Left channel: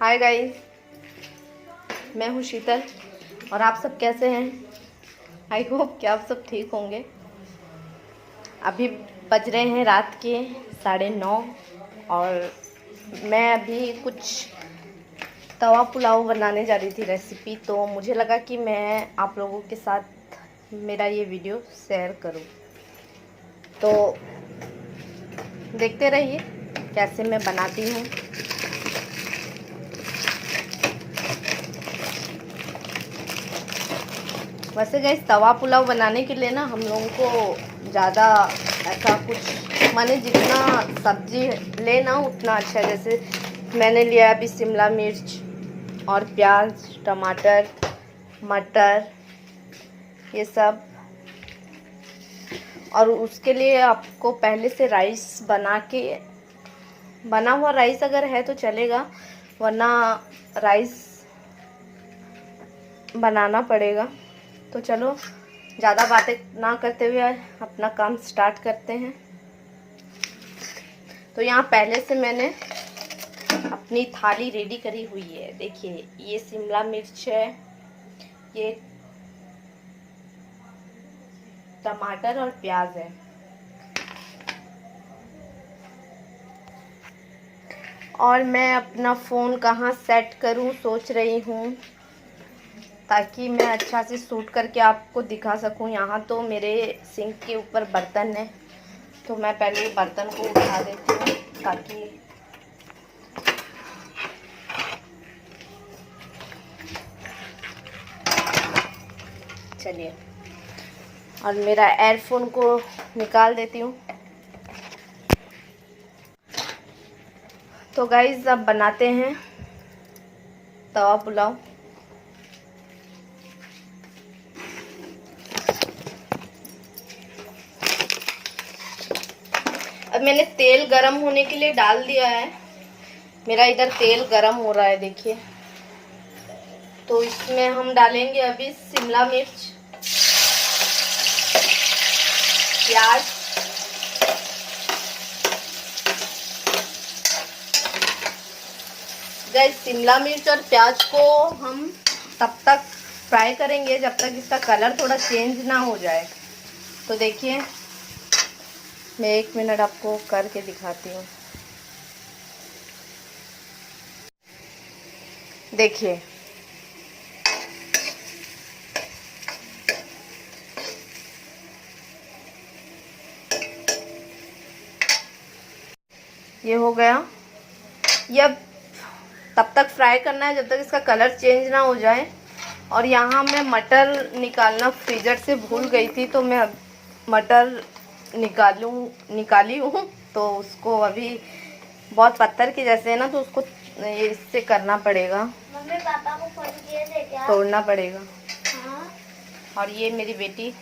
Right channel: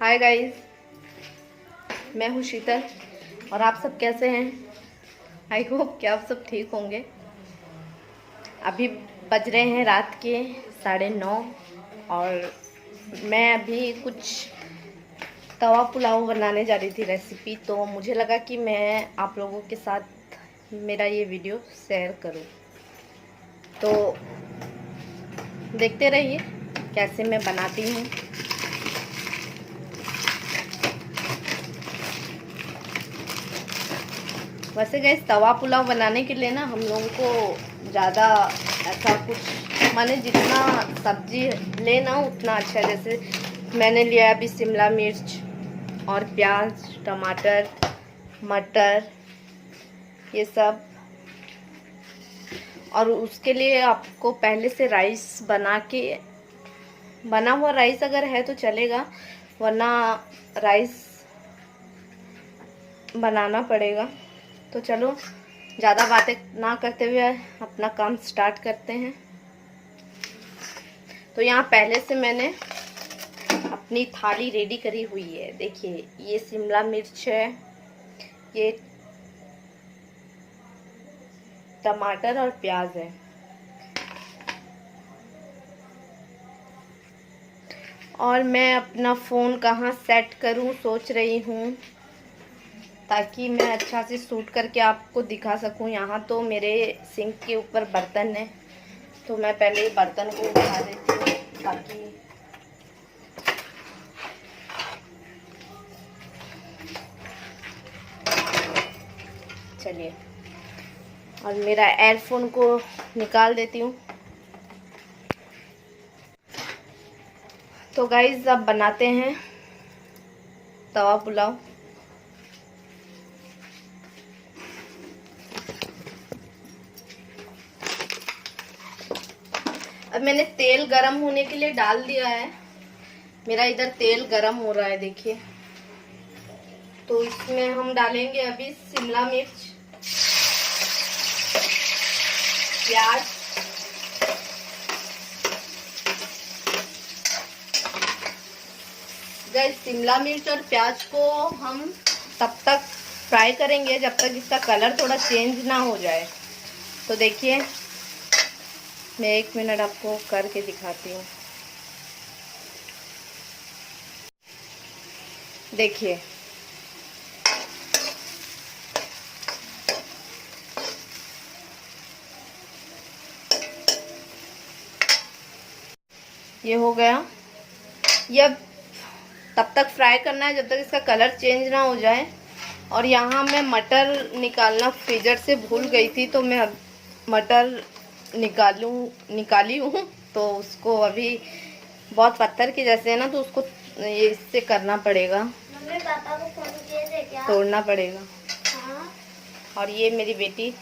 Hi guys, मैं हूँ शीतल और आप सब कैसे हैं। आई होप कि आप सब ठीक होंगे। अभी बज रहे हैं रात के 9:30 और मैं अभी कुछ तवा पुलाव बनाने जा रही थी रेसिपी, तो मुझे लगा कि मैं आप लोगों के साथ मेरा ये वीडियो शेयर करूं। तो देखते रहिए कैसे मैं बनाती हूँ। वैसे गैस तवा पुलाव बनाने के लिए ना हम लोगों को ज़्यादा ऐसा कुछ माने जितना सब्जी लेना उतना अच्छा। जैसे मैंने लिया अभी शिमला मिर्च और प्याज, टमाटर, मटर, ये सब। और उसके लिए आपको पहले से राइस बना हुआ राइस अगर है तो चलेगा, वरना राइस बनाना पड़ेगा। तो चलो ज़्यादा बातें ना करते हुए अपना काम स्टार्ट करते हैं। तो यहाँ पहले से मैंने अपनी थाली रेडी करी हुई है। देखिए, ये शिमला मिर्च है, ये टमाटर और प्याज है। और मैं अपना फ़ोन कहाँ सेट करूँ सोच रही हूँ, ताकि मैं अच्छा से शूट करके आपको दिखा सकूं। यहाँ तो मेरे सिंक के ऊपर बर्तन है, तो मैं पहले बर्तन को उठा देती हूँ ताकि चलिए। और मेरा एयरफोन को निकाल देती हूँ। तो गाइस अब बनाते हैं तवा पुलाव। अब मैंने तेल गरम होने के लिए डाल दिया है। मेरा इधर तेल गरम हो रहा है, देखिए। तो इसमें हम डालेंगे अभी शिमला मिर्च, प्याज, गैस शिमला मिर्च और प्याज को हम तब तक फ्राई करेंगे जब तक इसका कलर थोड़ा चेंज ना हो जाए। तो देखिए, मैं 1 मिनट आपको करके दिखाती हूँ। देखिए, ये हो गया। ये अब तब तक फ्राई करना है जब तक इसका कलर चेंज ना हो जाए। और यहाँ मैं मटर निकालना फ्रीजर से भूल गई थी, तो मैं मटर निकाली हूँ। तो उसको अभी बहुत पत्थर के जैसे है ना, तो उसको इससे करना पड़ेगा। मम्मी पापा को फोन किए थे क्या? तोड़ना पड़ेगा। हाँ। और ये मेरी बेटी,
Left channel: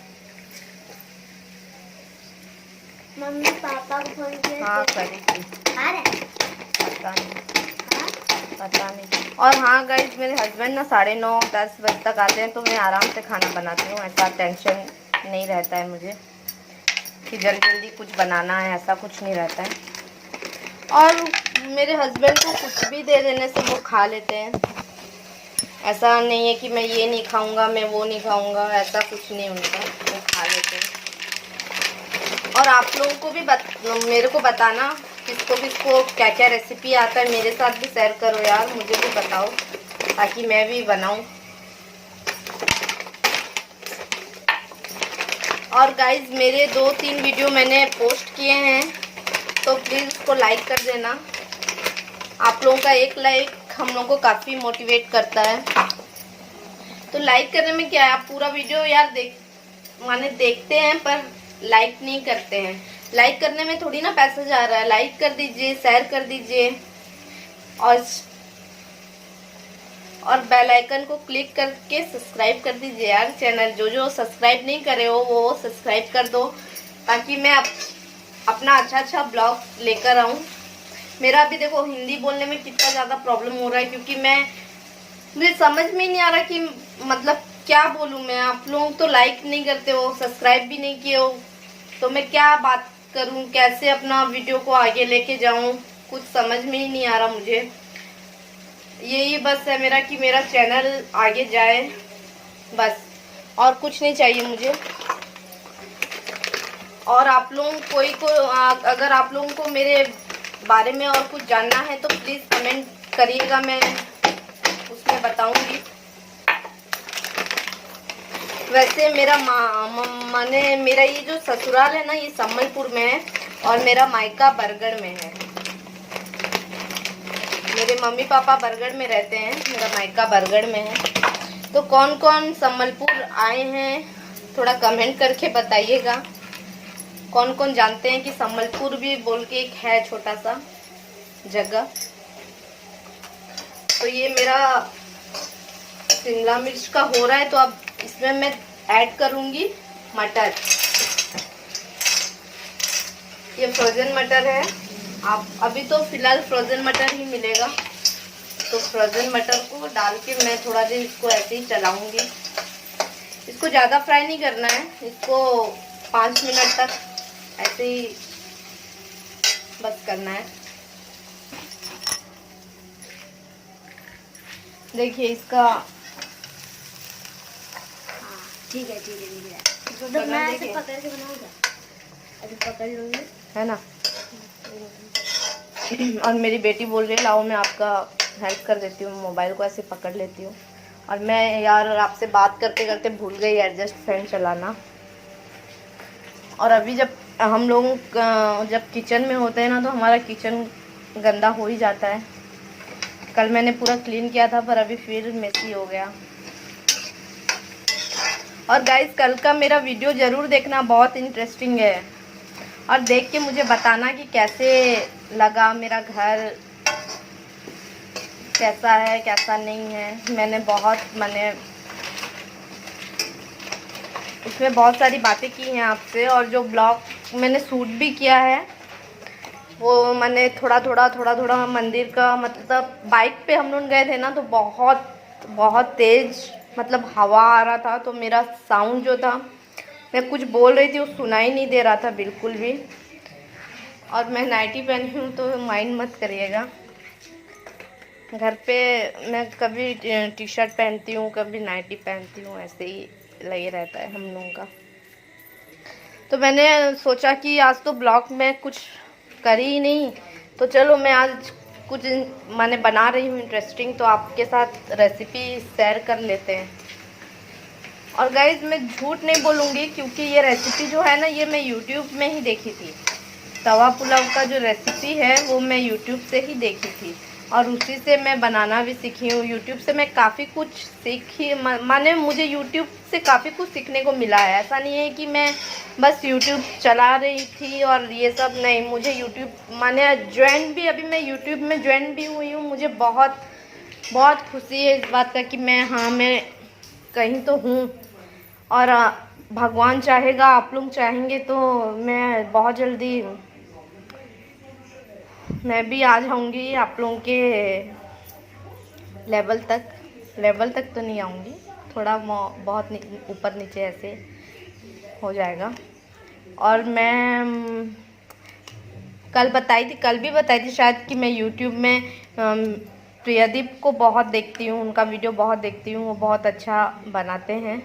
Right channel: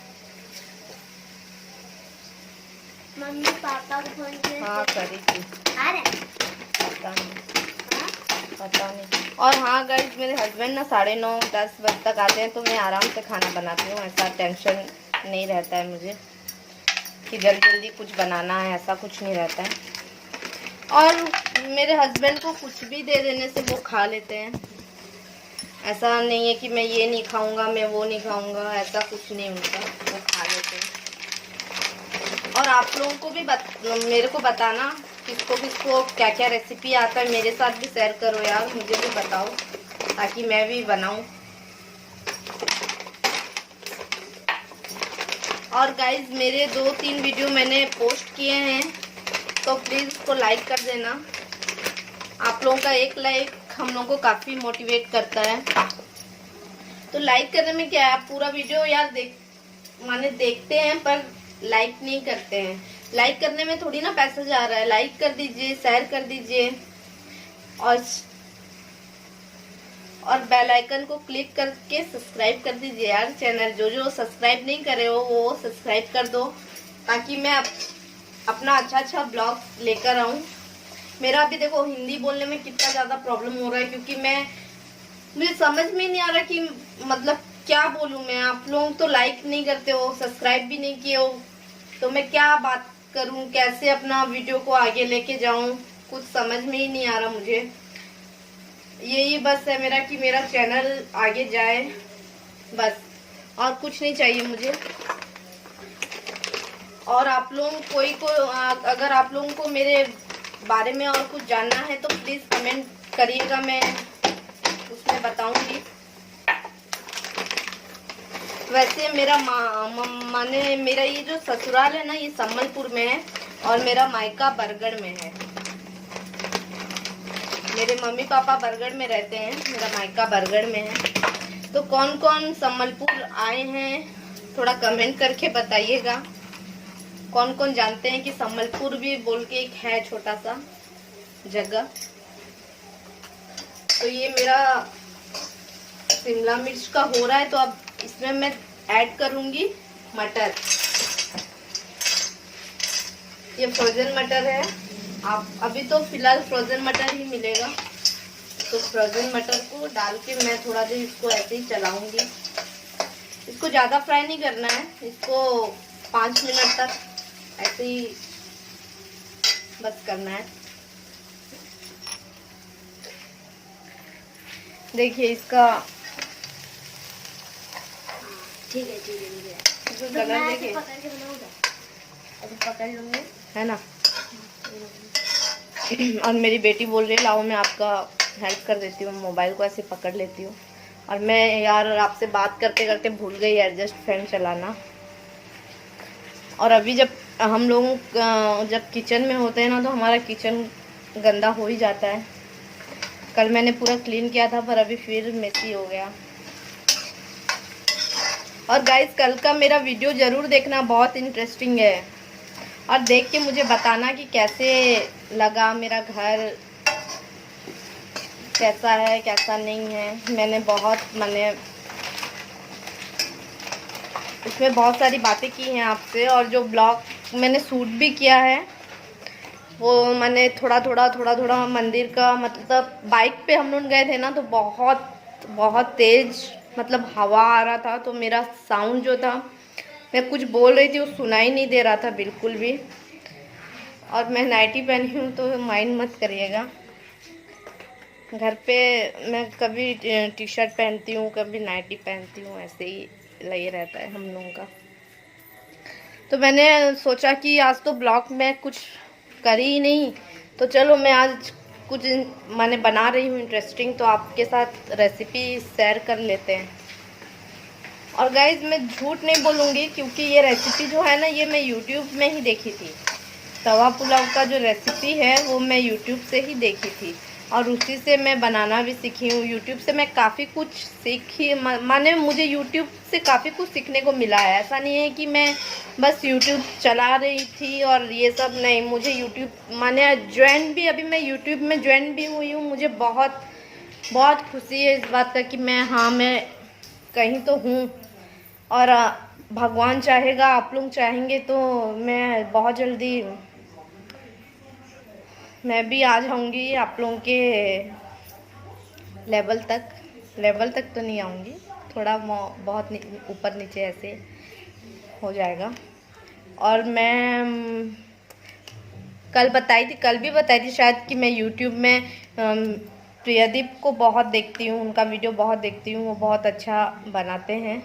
मम्मी पापा को फोन किए हाँ थे? करी थी, पता पता नहीं। और हाँ गाइज, मेरे हस्बैंड ना 9:30-10 बजे तक आते हैं, तो मैं आराम से खाना बनाती हूँ। ऐसा टेंशन नहीं रहता है मुझे कि जल्दी जल्दी कुछ बनाना है, ऐसा कुछ नहीं रहता है। और मेरे हस्बैंड को कुछ भी दे देने से वो खा लेते हैं। ऐसा नहीं है कि मैं ये नहीं खाऊंगा, मैं वो नहीं खाऊंगा, ऐसा कुछ नहीं उनका, वो खा लेते हैं। और आप लोगों को भी मेरे को बताना किसको किसको क्या क्या रेसिपी आता है, मेरे साथ भी शेयर करो यार, मुझे भी बताओ ताकि मैं भी बनाऊं। और गाइज, मेरे 2-3 वीडियो मैंने पोस्ट किए हैं, तो प्लीज़ उसको लाइक कर देना। आप लोगों का एक लाइक हम लोगों को काफ़ी मोटिवेट करता है। तो लाइक करने में क्या है, आप पूरा वीडियो यार देखते हैं पर लाइक नहीं करते हैं। लाइक करने में थोड़ी ना पैसा जा रहा है। लाइक कर दीजिए, शेयर कर दीजिए और बेल आइकन को क्लिक करके सब्सक्राइब कर दीजिए यार चैनल। जो सब्सक्राइब नहीं करे हो वो सब्सक्राइब कर दो, ताकि मैं अपना अच्छा ब्लॉग लेकर आऊं। मेरा अभी देखो हिंदी बोलने में कितना ज़्यादा प्रॉब्लम हो रहा है, क्योंकि मुझे समझ में नहीं आ रहा कि मतलब क्या बोलूं मैं। आप लोग तो लाइक नहीं करते हो, सब्सक्राइब भी नहीं किए हो, तो मैं क्या बात करूं, कैसे अपना वीडियो को आगे लेके जाऊं, कुछ समझ में ही नहीं आ रहा मुझे। यही बस है मेरा कि मेरा चैनल आगे जाए, बस और कुछ नहीं चाहिए मुझे। और आप लोगों कोई को अगर आप लोगों को मेरे बारे में और कुछ जानना है तो प्लीज़ कमेंट करिएगा, मैं उसमें बताऊंगी। वैसे मेरा माने मेरा ये जो ससुराल है ना, ये संबलपुर में है और मेरा मायका बरगढ़ में है। मेरे मम्मी पापा बरगढ़ में रहते हैं, मेरा मायका बरगढ़ में है। तो कौन कौन संबलपुर आए हैं थोड़ा कमेंट करके बताइएगा। कौन कौन जानते हैं कि संबलपुर भी बोल के एक है छोटा सा जगह। तो ये मेरा शिमला मिर्च का हो रहा है, तो अब इसमें मैं ऐड करूंगी मटर। ये फ्रोजन मटर है, आप अभी तो फिलहाल फ्रोजन मटर ही मिलेगा। तो फ्रोजन मटर को डाल के मैं थोड़ा देर इसको ऐसे ही चलाऊंगी। इसको ज़्यादा फ्राई नहीं करना है, इसको 5 मिनट तक ऐसे ही बस करना है। देखिए इसका ठीक है ठीक है। इसको तो कलर मैं ऐसे देखिए, पकड़ के बनाऊंगा, अभी पकड़ लूंगी है ना। और मेरी बेटी बोल रही है लाओ मैं आपका हेल्प कर देती हूँ, मोबाइल को ऐसे पकड़ लेती हूँ। और मैं यार आपसे बात करते करते भूल गई एडजस्ट फैन चलाना। और अभी जब हम लोग जब किचन में होते हैं ना, तो हमारा किचन गंदा हो ही जाता है। कल मैंने पूरा क्लीन किया था पर अभी फिर मेसी हो गया। और गाइस कल का मेरा वीडियो ज़रूर देखना, बहुत इंटरेस्टिंग है। और देख के मुझे बताना कि कैसे लगा मेरा घर, कैसा है कैसा नहीं है। मैंने इसमें बहुत सारी बातें की हैं आपसे, और जो ब्लॉग मैंने शूट भी किया है वो मैंने थोड़ा थोड़ा मंदिर का, मतलब बाइक पे हम लोग गए थे ना, तो बहुत तेज मतलब हवा आ रहा था, तो मेरा साउंड जो था, मैं कुछ बोल रही थी वो सुनाई नहीं दे रहा था बिल्कुल भी। और मैं नाइटी पहनी हूँ तो माइंड मत करिएगा। घर पे मैं कभी टी शर्ट पहनती हूँ, कभी नाइटी पहनती हूँ, ऐसे ही लगे रहता है हम लोगों का। तो मैंने सोचा कि आज तो ब्लॉग में कुछ करी ही नहीं, तो चलो मैं आज कुछ मैंने बना रही हूँ इंटरेस्टिंग, तो आपके साथ रेसिपी शेयर कर लेते हैं। और गाइज मैं झूठ नहीं बोलूँगी, क्योंकि ये रेसिपी जो है ना, ये मैं यूट्यूब में ही देखी थी। तवा पुलाव का जो रेसिपी है वो मैं यूट्यूब से ही देखी थी, और उसी से मैं बनाना भी सीखी हूँ। यूट्यूब से मैं काफ़ी कुछ सीखी, माने मुझे यूट्यूब से काफ़ी कुछ सीखने को मिला है। ऐसा नहीं है कि मैं बस यूट्यूब चला रही थी और ये सब नहीं, मुझे यूट्यूब माने ज्वाइन भी, अभी मैं यूट्यूब में ज्वाइन भी हुई हूँ। मुझे बहुत खुशी है इस बात का कि मैं कहीं तो हूँ। और भगवान चाहेगा, आप लोग चाहेंगे तो मैं बहुत जल्दी मैं भी आ जाऊंगी आप लोगों के लेवल तक तो नहीं आऊंगी, थोड़ा बहुत ऊपर नीचे ऐसे हो जाएगा। और मैं कल भी बताई थी शायद कि मैं यूट्यूब में प्रियदीप को बहुत देखती हूँ, उनका वीडियो बहुत देखती हूँ, वो बहुत अच्छा बनाते हैं।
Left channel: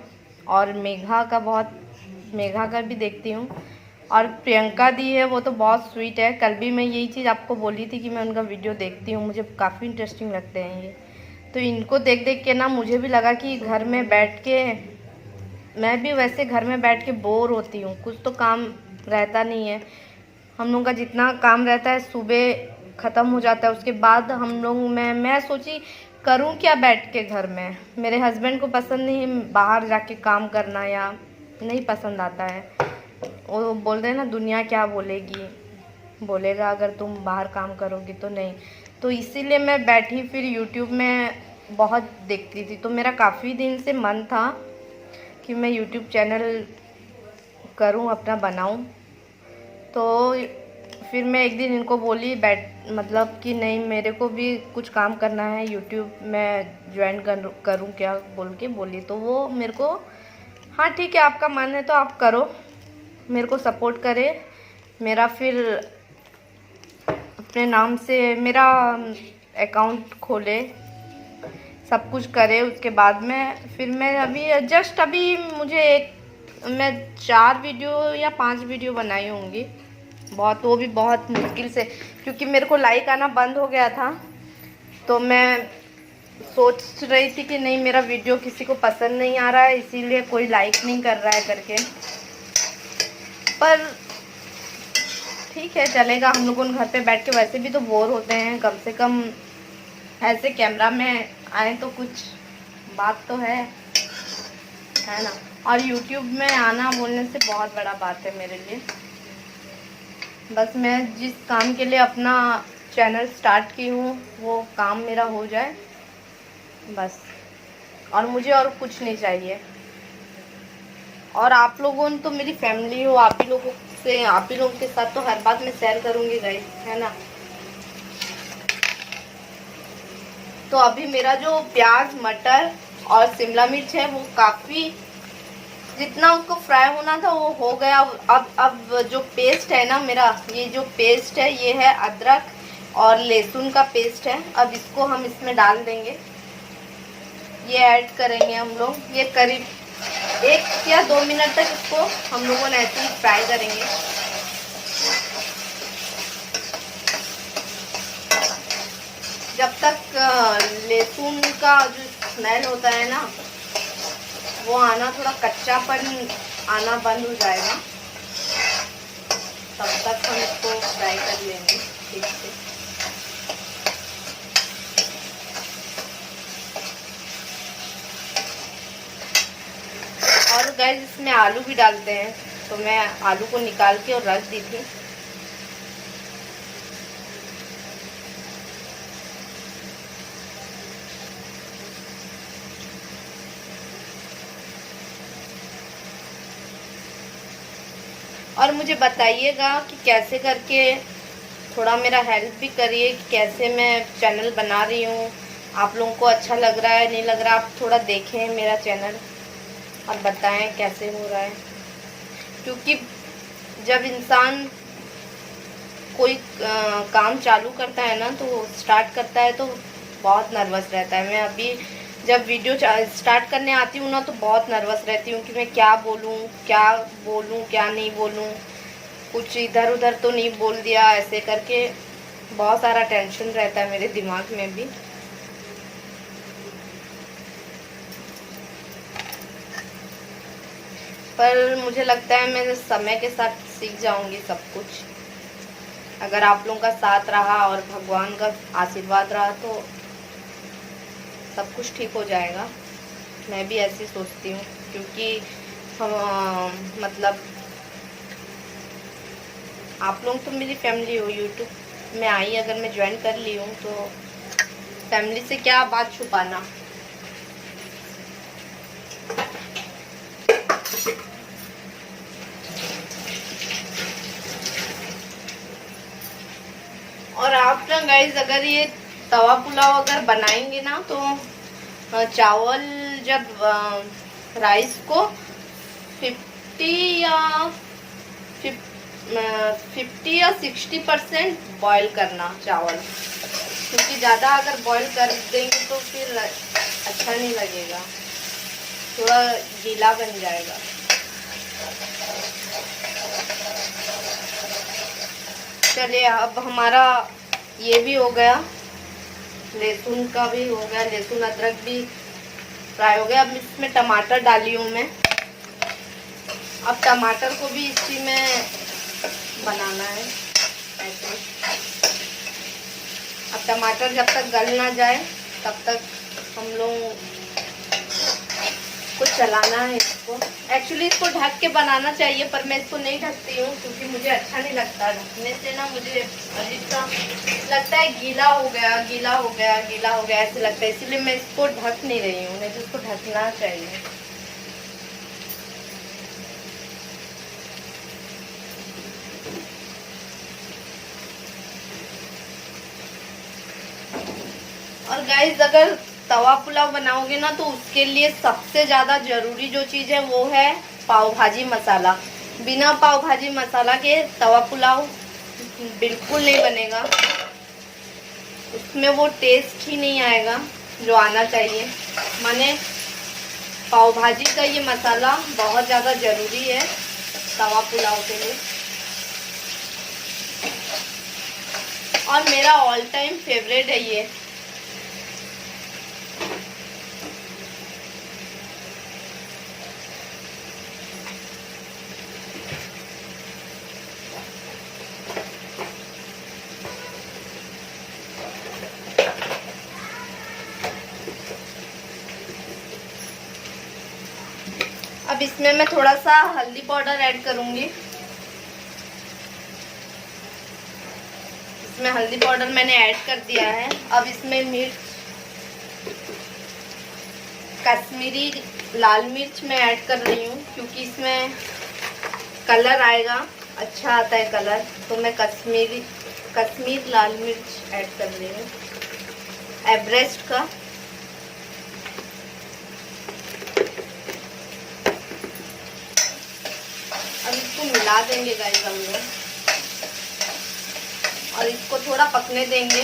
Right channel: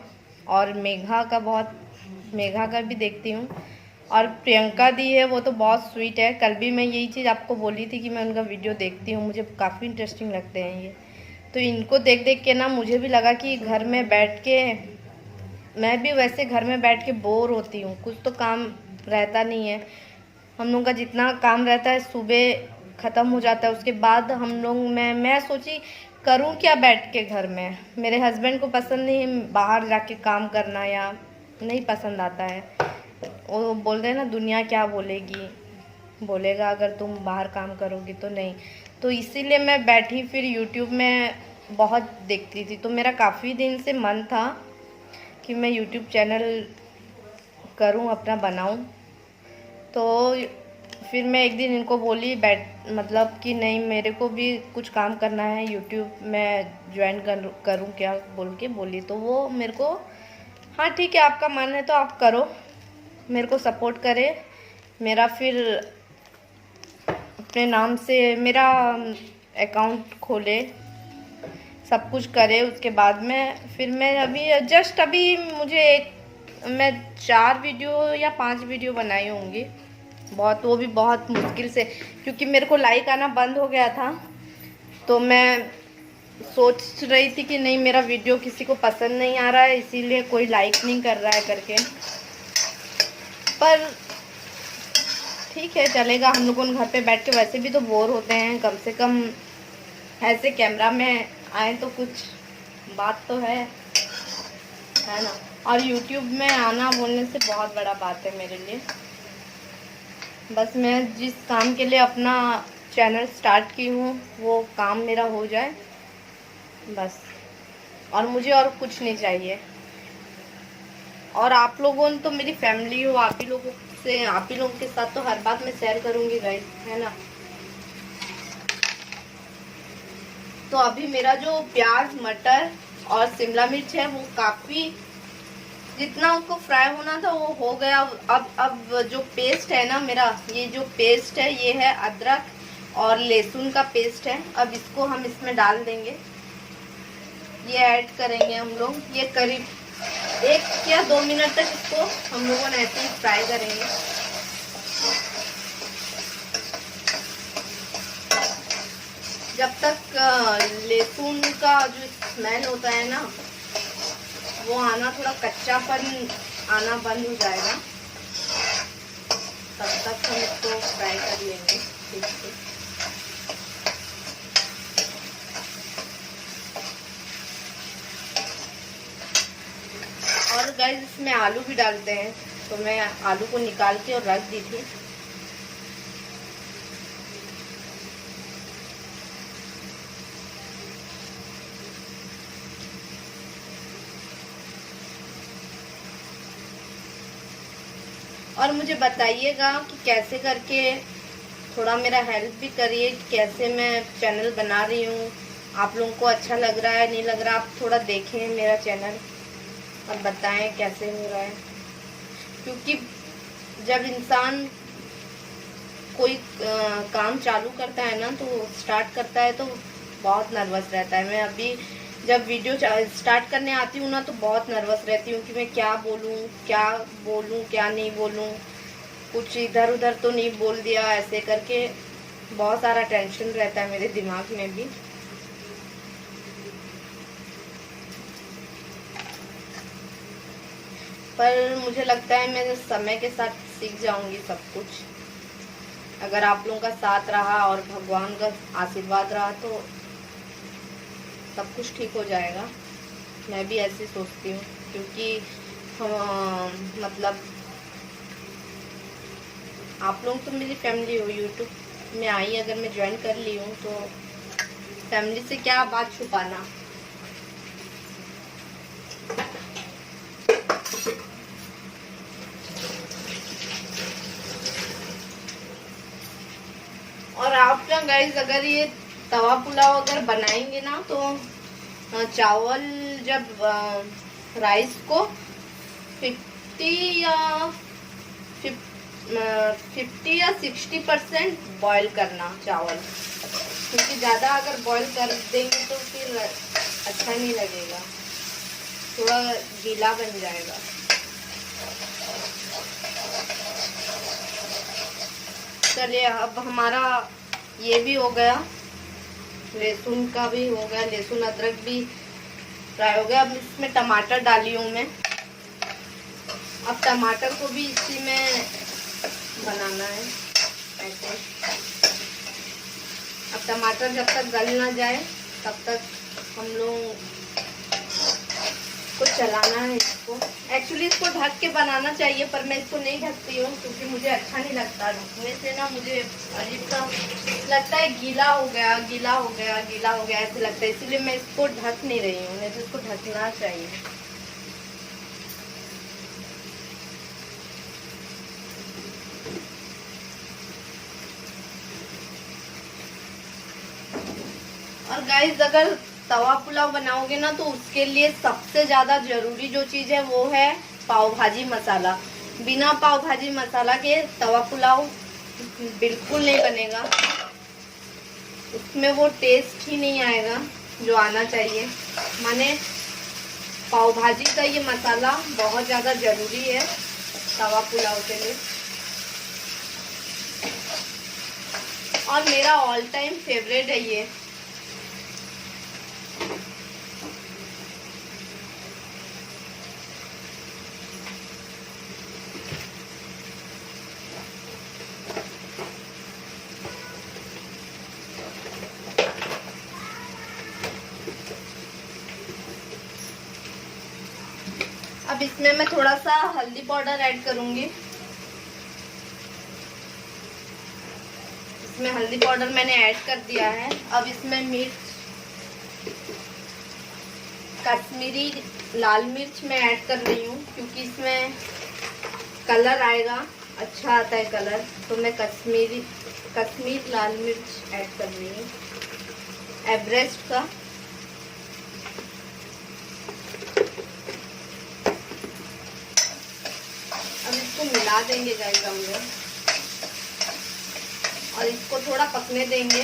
और मेघा का भी देखती हूँ। और प्रियंका दी है, वो तो बहुत स्वीट है। कल भी मैं यही चीज़ आपको बोली थी कि मैं उनका वीडियो देखती हूँ, मुझे काफ़ी इंटरेस्टिंग लगते हैं ये। तो इनको देख के ना मुझे भी लगा कि घर में बैठ के, मैं भी वैसे घर में बैठ के बोर होती हूँ, कुछ तो काम रहता नहीं है। हम लोग का जितना काम रहता है सुबह ख़त्म हो जाता है, उसके बाद हम लोग मैं सोची करूँ क्या बैठ के घर में। मेरे हस्बैंड को पसंद नहीं बाहर जाके काम करना, या नहीं पसंद आता है। वो बोल रहे हैं ना दुनिया क्या बोलेगा अगर तुम बाहर काम करोगी तो नहीं। तो इसीलिए मैं बैठी, फिर यूट्यूब में बहुत देखती थी। तो मेरा काफ़ी दिन से मन था कि मैं यूट्यूब चैनल करूं, अपना बनाऊं। तो फिर मैं एक दिन इनको बोली मतलब कि नहीं, मेरे को भी कुछ काम करना है, यूट्यूब में ज्वाइन करूं क्या बोली। तो वो मेरे को, हाँ ठीक है आपका मन है तो आप करो, मेरे को सपोर्ट करे। मेरा फिर अपने नाम से मेरा अकाउंट खोले सब कुछ करे उसके बाद में फिर मैं अभी मैं 4 वीडियो या 5 वीडियो बनाई होंगी, वो भी बहुत मुश्किल से, क्योंकि मेरे को लाइक आना बंद हो गया था। तो मैं सोच रही थी कि नहीं, मेरा वीडियो किसी को पसंद नहीं आ रहा है, इसीलिए कोई लाइक नहीं कर रहा है करके। पर ठीक है, चलेगा। हम लोगों घर पे बैठ के वैसे भी तो बोर होते हैं, कम से कम ऐसे कैमरा में आए तो कुछ बात तो है ना। और YouTube में आना बोलने से बहुत बड़ा बात है मेरे लिए। बस मैं जिस काम के लिए अपना चैनल स्टार्ट की हूँ वो काम मेरा हो जाए बस, और मुझे और कुछ नहीं चाहिए। और आप लोगों ने तो मेरी फैमिली हो, आप ही लोगों के साथ तो हर बात मैं शेयर करूँगी गाइस, है ना। तो अभी मेरा जो प्याज, मटर और शिमला मिर्च है वो काफ़ी, जितना उसको फ्राई होना था वो हो गया। अब जो पेस्ट है ना मेरा, ये जो पेस्ट है ये है अदरक और लहसुन का पेस्ट है। अब इसको हम इसमें डाल देंगे, ये ऐड करेंगे हम लोग। ये करीब 1 या 2 मिनट तक इसको हम लोगों ने ऐसे ही फ्राई करेंगे। जब तक लहसुन का जो स्मेल होता है ना वो आना, थोड़ा कच्चापन आना बंद हो जाएगा, तब तक हम इसको फ्राई कर लेंगे ठीक से। और गाइस इसमें आलू भी डालते हैं, तो मैं आलू को निकाल के और रख दी थी। और मुझे बताइएगा कि कैसे करके, थोड़ा मेरा हेल्प भी करिए, कैसे मैं चैनल बना रही हूँ, आप लोगों को अच्छा लग रहा है नहीं लग रहा। आप थोड़ा देखें मेरा चैनल और बताएं कैसे हो रहा है, क्योंकि जब इंसान कोई काम चालू करता है ना, तो स्टार्ट करता है तो बहुत नर्वस रहता है। मैं अभी जब वीडियो स्टार्ट करने आती हूँ ना तो बहुत नर्वस रहती हूँ कि मैं क्या बोलूँ क्या नहीं बोलूँ, कुछ इधर उधर तो नहीं बोल दिया, ऐसे करके बहुत सारा टेंशन रहता है मेरे दिमाग में भी। पर मुझे लगता है मैं समय के साथ सीख जाऊंगी सब कुछ। अगर आप लोगों का साथ रहा और भगवान का आशीर्वाद रहा तो सब कुछ ठीक हो जाएगा। मैं भी ऐसे सोचती हूँ, क्योंकि हम मतलब आप लोग तो मेरी फैमिली हो। यूट्यूब में आई अगर मैं ज्वाइन कर ली हूँ तो फैमिली से क्या बात छुपाना। और आप ना गाइज अगर ये तवा पुलाव अगर बनाएंगे ना तो चावल जब राइस को 50 या 60% बॉईल करना चावल, क्योंकि ज़्यादा अगर बॉईल कर देंगे तो फिर अच्छा नहीं लगेगा, थोड़ा गीला बन जाएगा। चलिए अब हमारा ये भी हो गया, लहसुन का भी हो गया, लहसुन अदरक भी फ्राई हो गया। अब इसमें टमाटर डाली हूँ मैं। अब टमाटर को भी इसी में बनाना है ऐसे। अब टमाटर जब तक गल ना जाए तब तक हम लोग को चलाना है इसको। एक्चुअली इसको ढक के बनाना चाहिए, पर मैं इसको नहीं ढकती हूँ क्योंकि मुझे अच्छा नहीं लगता ढकने से ना, मुझे अजीब सा लगता है, गीला हो गया ऐसे लगता है, इसलिए मैं इसको ढक नहीं रही हूँ, नहीं तो इसको ढकना चाहिए। और गाइस अगर तवा पुलाव बनाओगे ना तो उसके लिए सबसे ज्यादा जरूरी जो चीज है वो है पाव भाजी मसाला। बिना पाव भाजी मसाला के तवा पुलाव बिल्कुल नहीं बनेगा, उसमें वो टेस्ट ही नहीं आएगा। जो आना चाहिए। माने पाव भाजी का ये मसाला बहुत ज़्यादा ज़रूरी है तवा पुलाव के लिए, और मेरा ऑल टाइम फेवरेट है ये। अब इसमें मैं थोड़ा सा हल्दी पाउडर ऐड करूंगी। इसमें हल्दी पाउडर मैंने ऐड कर दिया है। अब इसमें मिर्च, कश्मीरी लाल मिर्च मैं ऐड कर रही हूँ, क्योंकि इसमें कलर आएगा, अच्छा आता है कलर, तो मैं कश्मीर लाल मिर्च ऐड कर रही हूँ, एवरेस्ट का। अब इसको मिला देंगे गाइस हम लोग, और इसको थोड़ा पकने देंगे।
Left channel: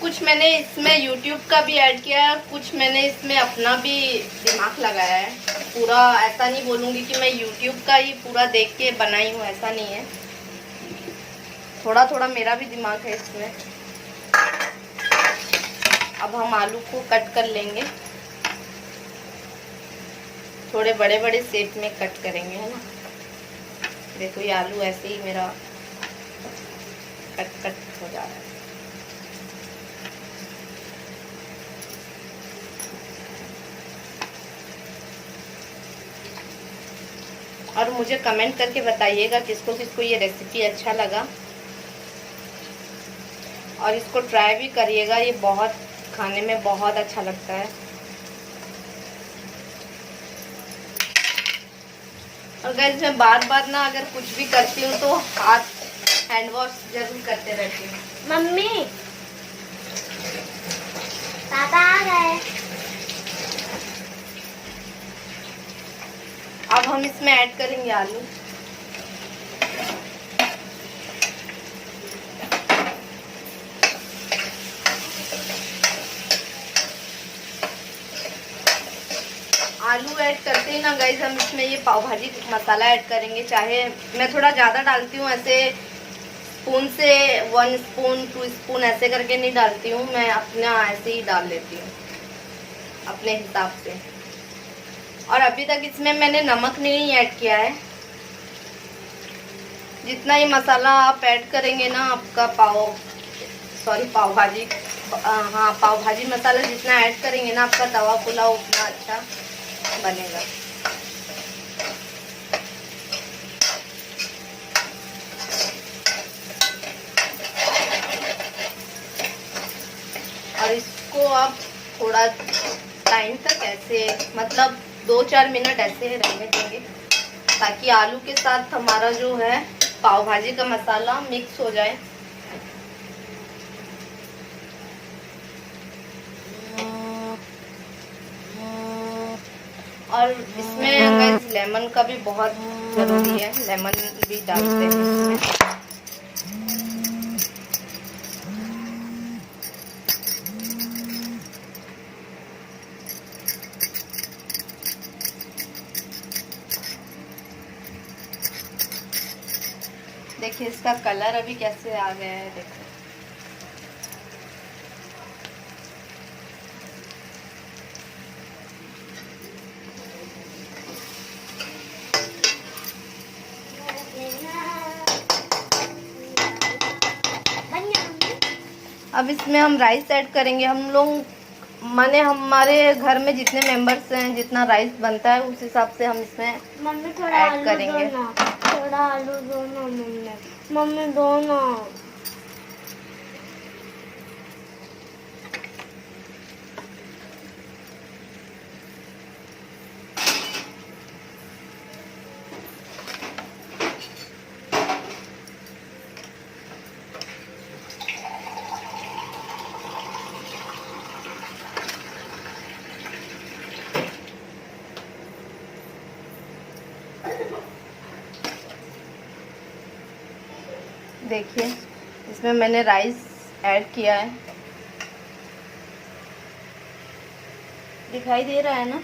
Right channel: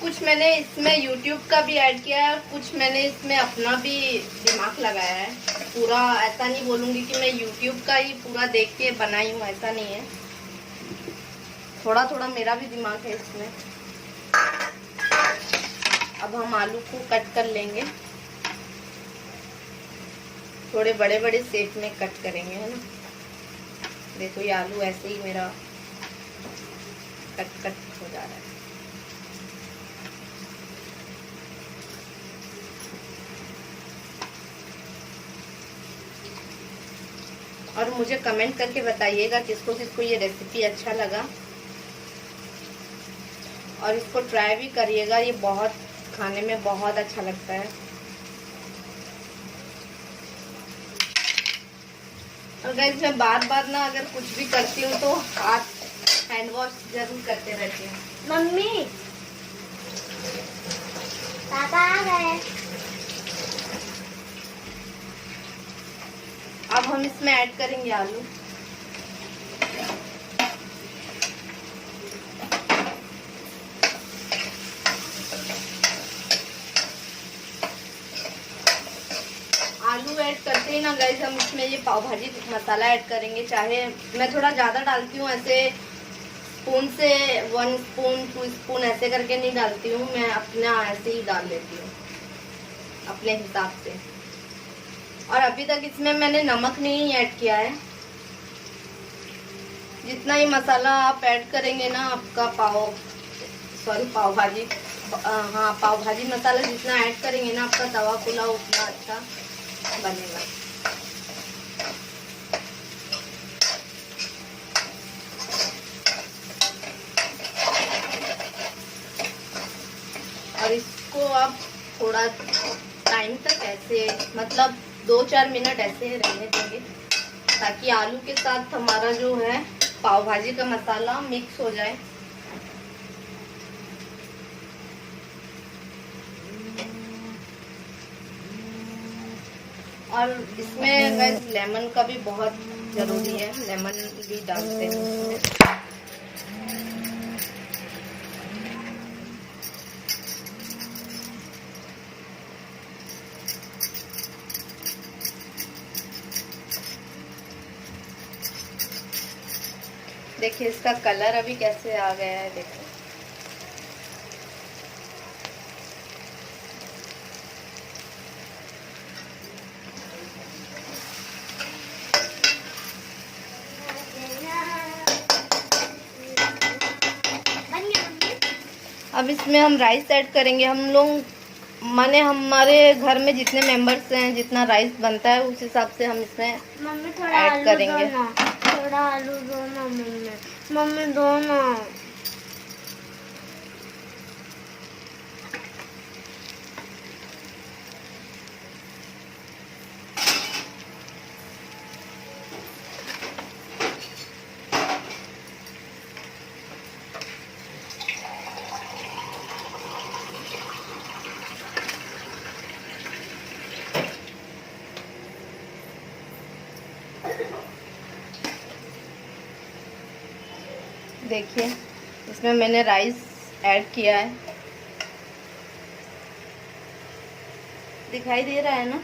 कुछ मैंने इसमें YouTube का भी ऐड किया है, कुछ मैंने इसमें अपना भी दिमाग लगाया है। पूरा ऐसा नहीं बोलूँगी कि मैं YouTube का ही पूरा देख के बनाई हूँ, ऐसा नहीं है। थोड़ा थोड़ा मेरा भी दिमाग है इसमें। अब हम आलू को कट कर लेंगे, थोड़े बड़े बड़े शेप में कट करेंगे, है ना। देखो ये आलू ऐसे ही मेरा कट हो जा रहा है। और मुझे कमेंट करके बताइएगा किसको किसको ये रेसिपी अच्छा लगा, और इसको ट्राई भी करिएगा, ये बहुत खाने में बहुत अच्छा लगता है। और गाइस मैं बार बार ना अगर कुछ भी करती हूँ तो हाथ हैंड वॉश जरूर करते रहती हूँ। मम्मी पापा आ गए। अब हम इसमें ऐड करेंगे आलू। आलू ऐड करते ही ना गाइस हम इसमें ये पाव भाजी मसाला ऐड करेंगे। चाहे मैं थोड़ा ज़्यादा डालती हूँ, ऐसे स्पून से 1 स्पून 2 स्पून ऐसे करके नहीं डालती हूँ, मैं अपना ऐसे ही डाल लेती हूँ अपने हिसाब से। और अभी तक इसमें मैंने नमक नहीं ऐड किया है। जितना ये मसाला आप ऐड करेंगे ना, आपका पाव भाजी, हाँ पाव भाजी मसाला जितना ऐड करेंगे ना, आपका तवा पुलाव उतना अच्छा बनेगा। और इसको आप थोड़ा टाइम तक ऐसे, मतलब 2-4 मिनट ऐसे रहने देंगे, ताकि आलू के साथ हमारा जो है पाव भाजी का मसाला मिक्स हो जाए। और इसमें गाइस लेमन का भी बहुत ज़रूरी है, लेमन भी डालते हैं इसमें। देखिए इसका कलर अभी कैसे आ गया है, देखो। अब इसमें हम राइस ऐड करेंगे। हम लोग माने हमारे घर में जितने मेंबर्स हैं, जितना राइस बनता है उस हिसाब से हम इसमें मम्मी थोड़ा ऐड आलू करेंगे। दो ना, थोड़ा आलू दो ना मम्मी दो ना। देखिए इसमें मैंने राइस ऐड किया है, दिखाई दे रहा है ना।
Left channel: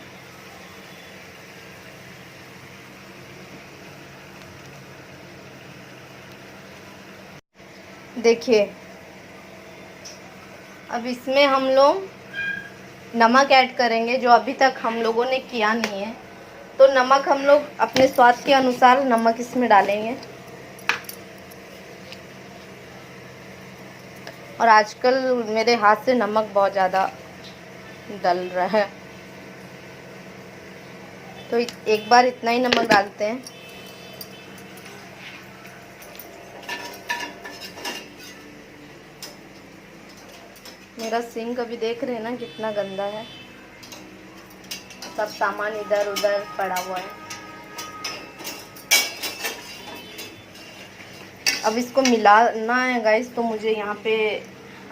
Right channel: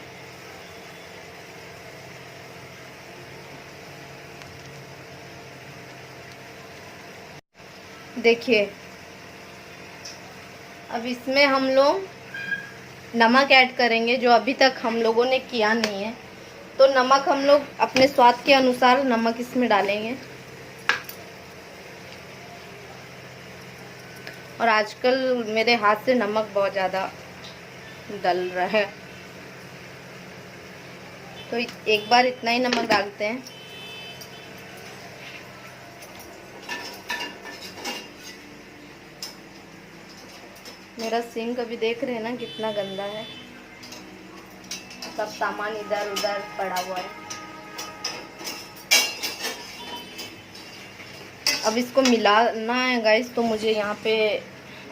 देखिए अब इसमें हम लोग नमक ऐड करेंगे, जो अभी तक हम लोगों ने किया नहीं है। तो नमक हम लोग अपने स्वाद के अनुसार नमक इसमें डालेंगे। और आजकल मेरे हाथ से नमक बहुत ज़्यादा डल रहा है, तो एक बार इतना ही नमक डालते हैं। मेरा सिंक अभी देख रहे हैं ना कितना गंदा है, सब सामान इधर उधर पड़ा हुआ है। अब इसको मिलाना है गाइस, तो मुझे यहाँ पे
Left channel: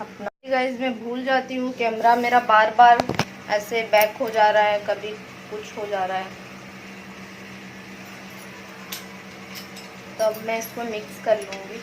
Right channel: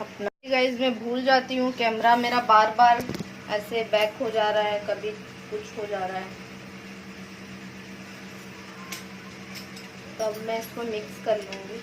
अपना गाइस मैं भूल जाती हूँ, कैमरा मेरा बार बार ऐसे बैक हो जा रहा है, कभी कुछ हो जा रहा है। तो अब मैं इसको मिक्स कर लूँगी।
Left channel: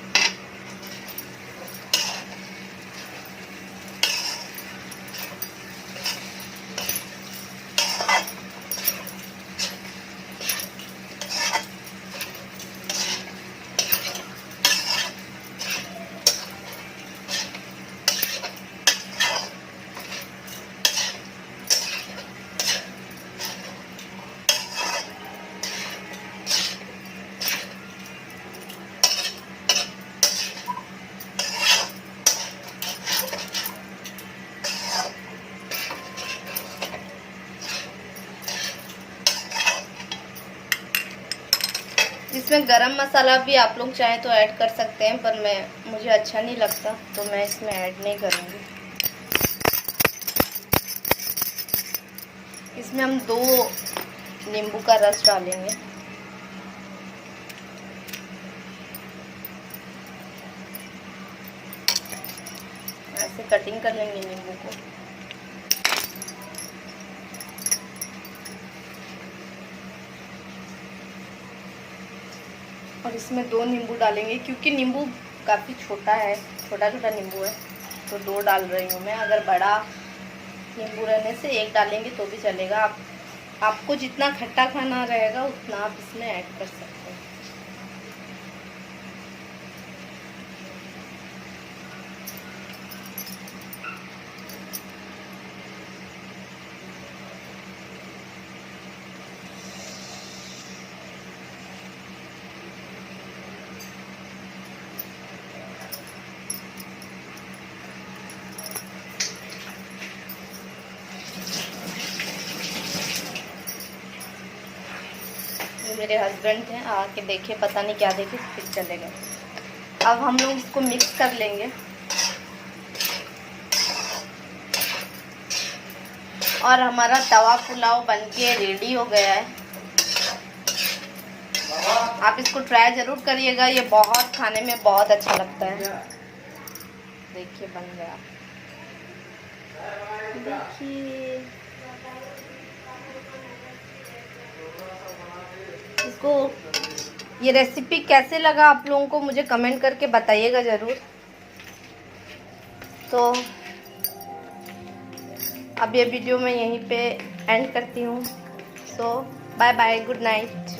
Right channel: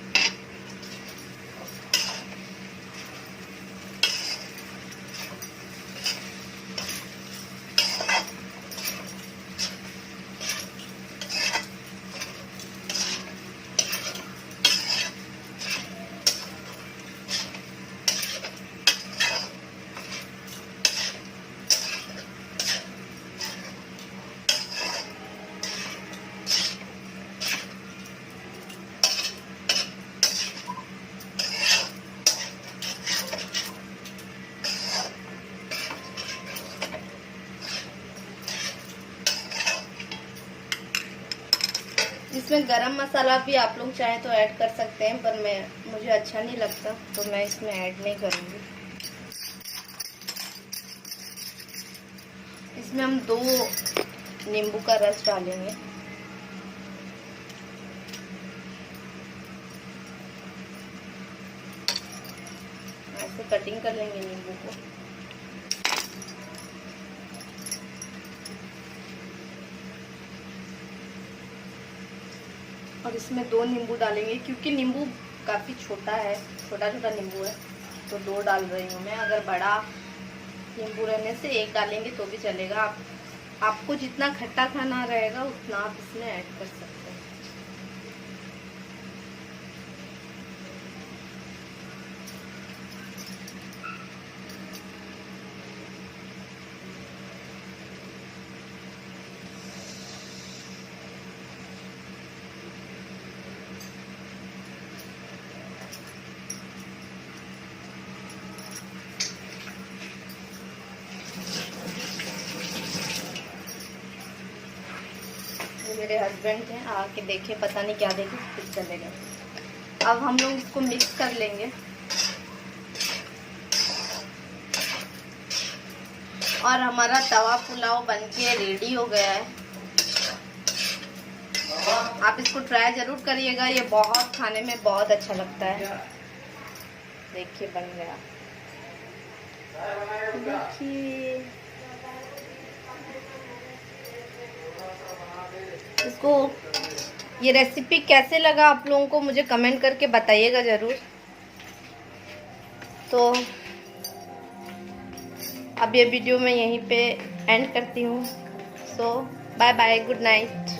इसमें गरम मसाला भी आप लोग चाहें तो ऐड कर सकते हैं, पर मुझे अच्छा नहीं लगता तो मैं इसमें ऐड नहीं करूँगी। इसमें हम 2 नींबू का रस डालेंगे। ऐसे कटिंग कर लेंगे नींबू को। और इसमें 2 नींबू डालेंगे, क्योंकि नींबू काफ़ी छोटा है, छोटा छोटा नींबू है, तो 2 डाल रही हूँ मैं। अगर बड़ा नींबू रहने से 1 डालेंगे तो भी चलेगा। आपको जितना खट्टा खाना रहेगा उतना आप इसमें ऐड कर सकते हैं। मेरे हस्बैंड हैं, आके देखे, पता नहीं क्या देखे, फिर चले गए। अब हम लोग इसको मिक्स कर लेंगे। और हमारा तवा पुलाव बनके रेडी हो गया है। आप इसको ट्राई जरूर करिएगा, ये बहुत खाने में बहुत अच्छा लगता है। देखिए बन गया, देखिए इसको। ये रेसिपी कैसे लगा आप लोगों को मुझे कमेंट करके बताइएगा ज़रूर। तो अब ये वीडियो मैं यहीं पे एंड करती हूँ। सो बाय बाय, गुड नाइट।